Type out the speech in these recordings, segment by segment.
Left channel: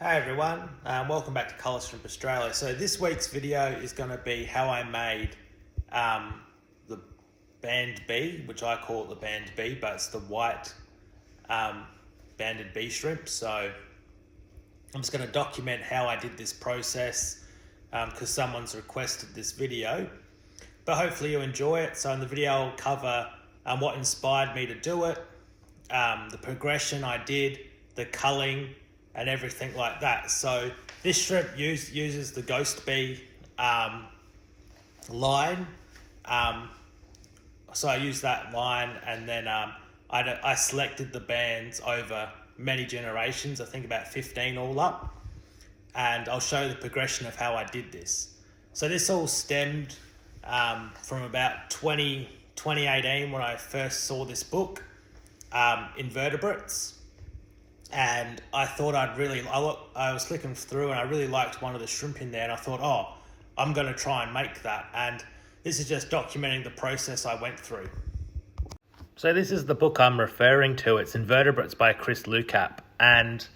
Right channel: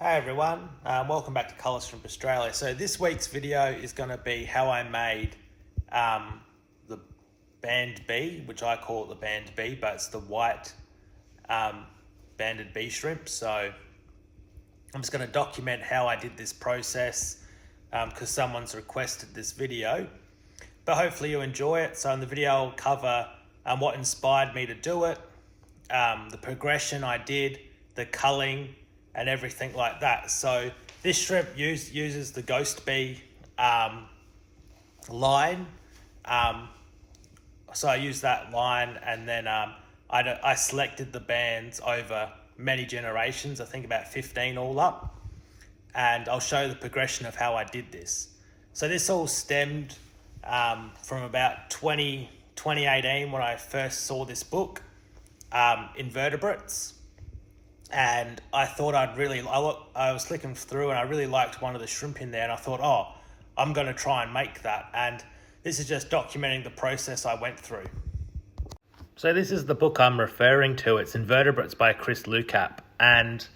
Hey everyone, welcome back to Colours Shrimp Australia. So this week's video is going to be how I made the Band B, which I call it the Band B, but it's the white banded B shrimp. So I'm just going to document how I did this process because someone's requested this video. But hopefully you enjoy it. So in the video I'll cover what inspired me to do it, the progression I did, the culling, and everything like that. So this shrimp uses the Ghost Bee line. So I used that line, and then I selected the bands over many generations, I think about 15 all up. And I'll show the progression of how I did this. So this all stemmed from about 2018 when I first saw this book, Invertebrates. And I thought I was flicking through and I really liked one of the shrimp in there, and I thought, oh, I'm going to try and make that. And this is just documenting the process I went through. So this is the book I'm referring to. It's Invertebrates by Chris Lucap, and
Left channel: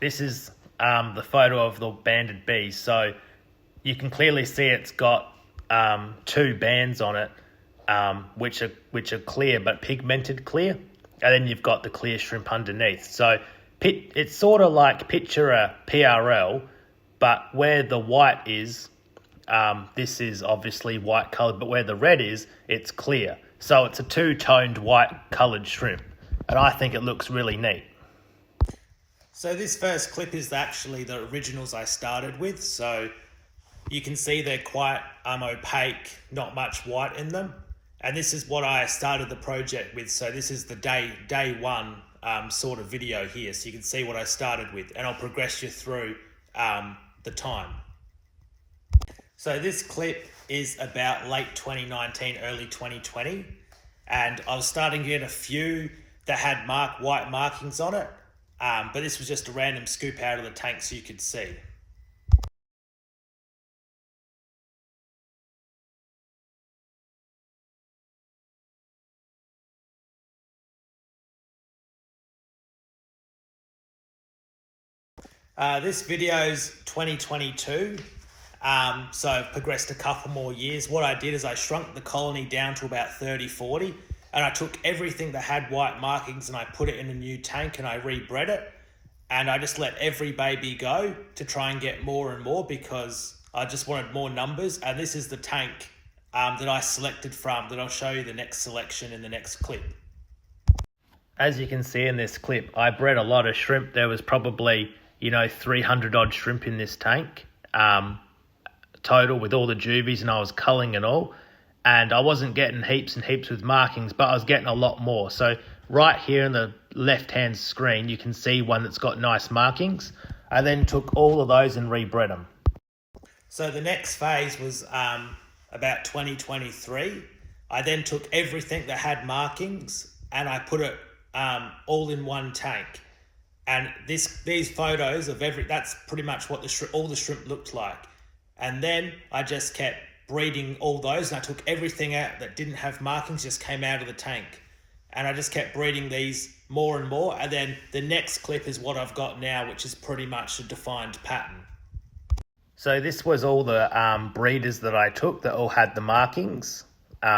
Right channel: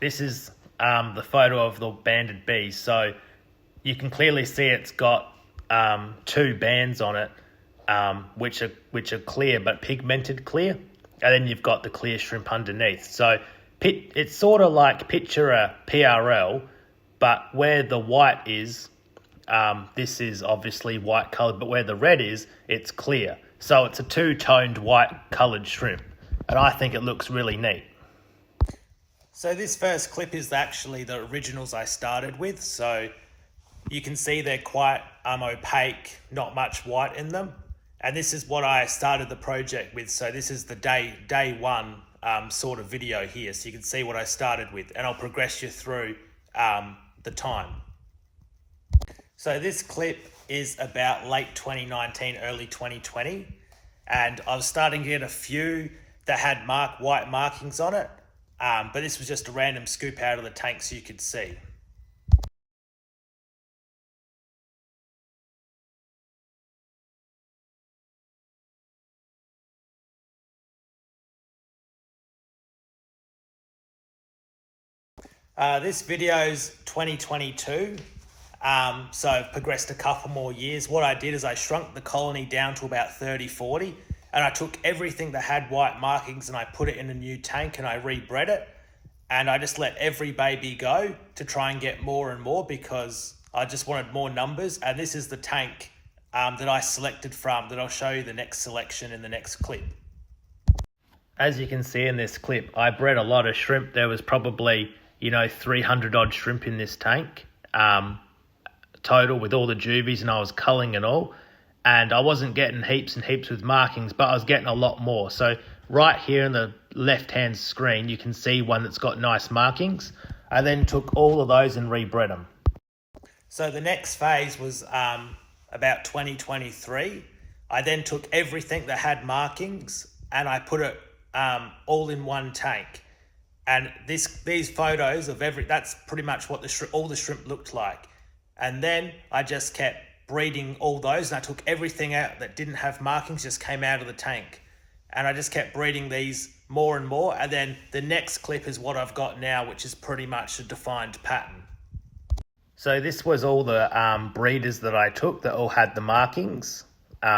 this is the photo of the banded bee. So you can clearly see it's got two bands on it, which are clear but pigmented clear, and then you've got the clear shrimp underneath. So it's sort of like picture a PRL, but where the white is, this is obviously white coloured, but where the red is, it's clear. So it's a two-toned white coloured shrimp, and I think it looks really neat. So this first clip is actually the originals I started with. So you can see they're quite opaque, not much white in them. And this is what I started the project with. So this is the day one sort of video here. So you can see what I started with, and I'll progress you through the time. So this clip is about late 2019, early 2020. And I was starting to get a few that had white markings on it. But this was just a random scoop out of the tank so you could see. This video's 2022, so I've progressed a couple more years. What I did is I shrunk the colony down to about 30, 40, and I took everything that had white markings and I put it in a new tank and I rebred it. And I just let every baby go to try and get more and more because I just wanted more numbers. And this is the tank that I selected from, that I'll show you the next selection in the next clip. As you can see in this clip, I bred a lot of shrimp. There was probably 300 odd shrimp in this tank total with all the juvies, and I was culling and all, and I wasn't getting heaps and heaps with markings, but I was getting a lot more. So right here in the left hand screen you can see one that's got nice markings. I then took all of those and rebred them. So the next phase was about 2023. I then took everything that had markings and I put it all in one tank. And these photos of that's pretty much what all the shrimp looked like. And then I just kept breeding all those, and I took everything out that didn't have markings, just came out of the tank. And I just kept breeding these more and more. And then the next clip is what I've got now, which is pretty much a defined pattern. So this was all the breeders that I took that all had the markings.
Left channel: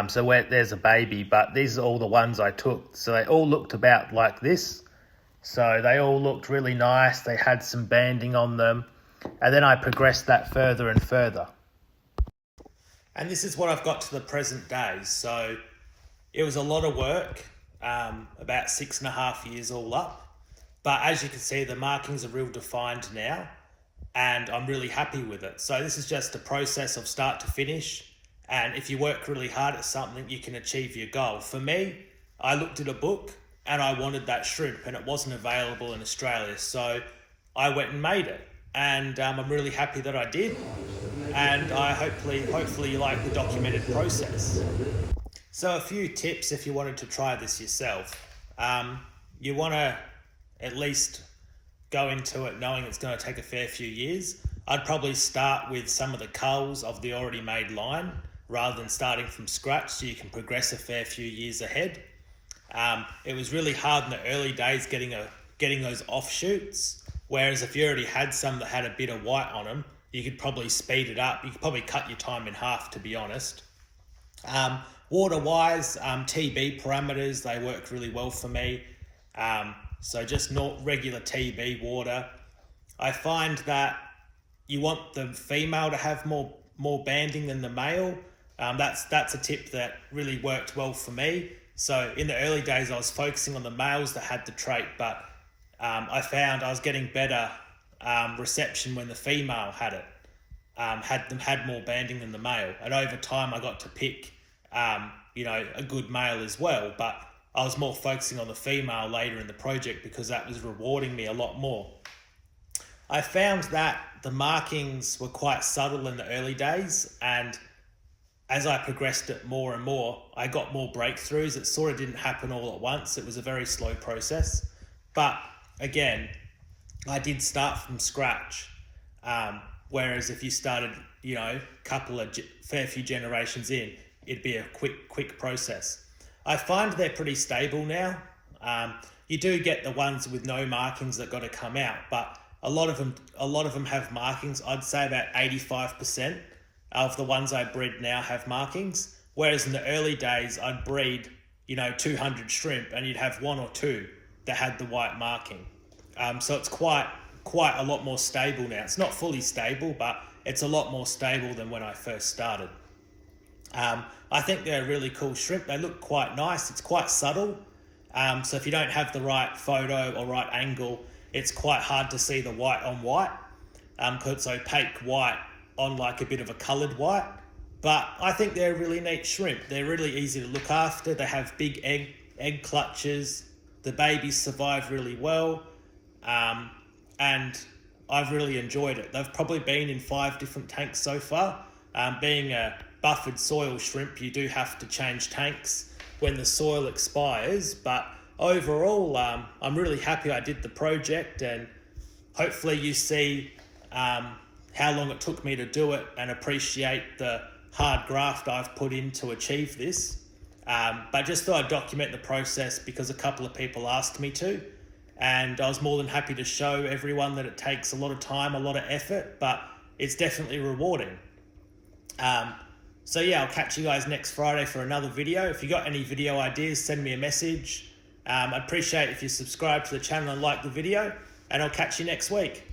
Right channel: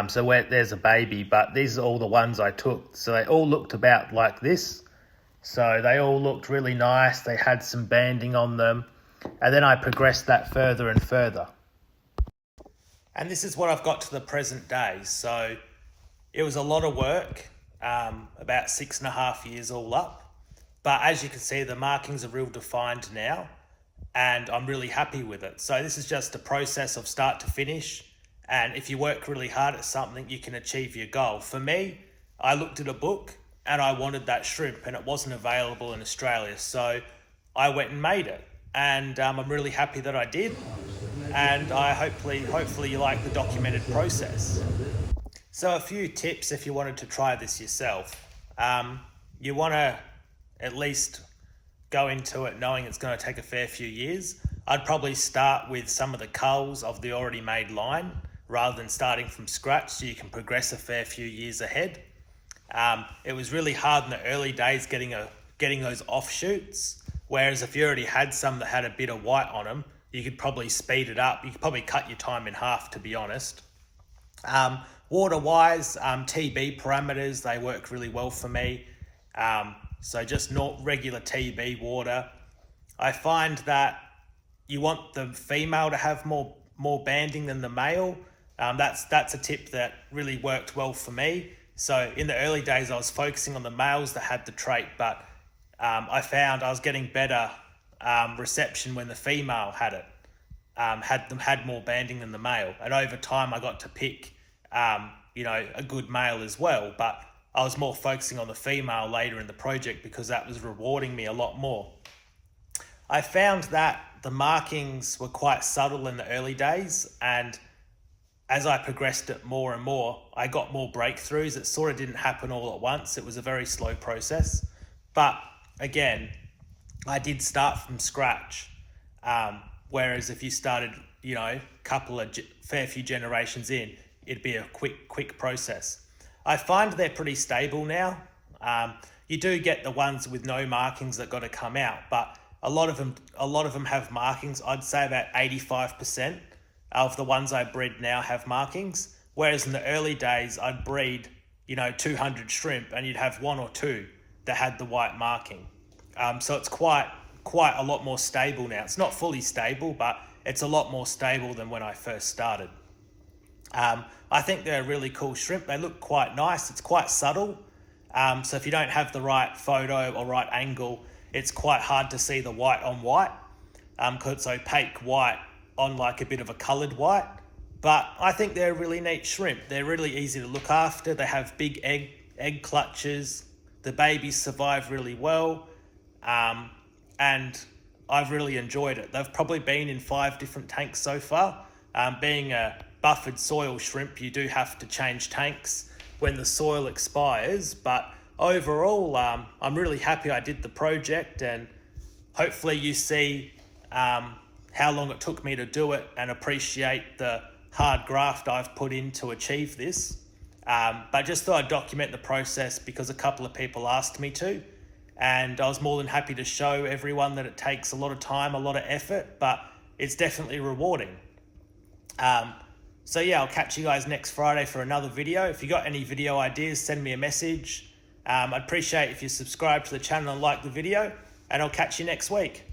So there's a baby, but these are all the ones I took. So they all looked about like this. So they all looked really nice. They had some banding on them. And then I progressed that further and further. And this is what I've got to the present day. So it was a lot of work, about 6.5 years all up. But as you can see, the markings are real defined now, and I'm really happy with it. So this is just a process of start to finish. And if you work really hard at something, you can achieve your goal. For me, I looked at a book and I wanted that shrimp, and it wasn't available in Australia. So I went and made it. And I'm really happy that I did. And I hopefully you like the documented process. So a few tips if you wanted to try this yourself. You want to at least go into it knowing it's going to take a fair few years. I'd probably start with some of the culls of the already made line rather than starting from scratch, so you can progress a fair few years ahead. It was really hard in the early days getting those offshoots. Whereas if you already had some that had a bit of white on them, you could probably speed it up. You could probably cut your time in half, to be honest. Water-wise, TB parameters, they work really well for me. So just not regular TB water. I find that you want the female to have more banding than the male. That's a tip that really worked well for me. So in the early days, I was focusing on the males that had the trait, but I found I was getting better reception when the female had it. Had more banding than the male, and over time I got to pick a good male as well, but I was more focusing on the female later in the project because that was rewarding me a lot more. I found that the markings were quite subtle in the early days, and as I progressed it more and more, I got more breakthroughs. It sort of didn't happen all at once. It was a very slow process, but again, I did start from scratch. Whereas if you started, fair few generations in, it'd be a quick process. I find they're pretty stable now. You do get the ones with no markings that got to come out, but a lot of them have markings. I'd say about 85% of the ones I breed now have markings. Whereas in the early days, I'd breed, 200 shrimp, and you'd have one or two that had the white marking. So it's quite a lot more stable now. It's not fully stable, but it's a lot more stable than when I first started. I think they're a really cool shrimp. They look quite nice. It's quite subtle. So if you don't have the right photo or right angle, it's quite hard to see the white on white, because it's opaque white on like a bit of a colored white. But I think they're a really neat shrimp. They're really easy to look after. They have big egg clutches. The babies survive really well. And I've really enjoyed it. They've probably been in 5 different tanks so far. Being a buffered soil shrimp, you do have to change tanks when the soil expires, but overall, I'm really happy I did the project, and hopefully you see how long it took me to do it and appreciate the hard graft I've put in to achieve this. But just thought I'd document the process because a couple of people asked me to. And I was more than happy to show everyone that it takes a lot of time, a lot of effort, but it's definitely rewarding. So yeah, I'll catch you guys next Friday for another video. If you got any video ideas, send me a message. I'd appreciate if you subscribe to the channel and like the video, and I'll catch you next week.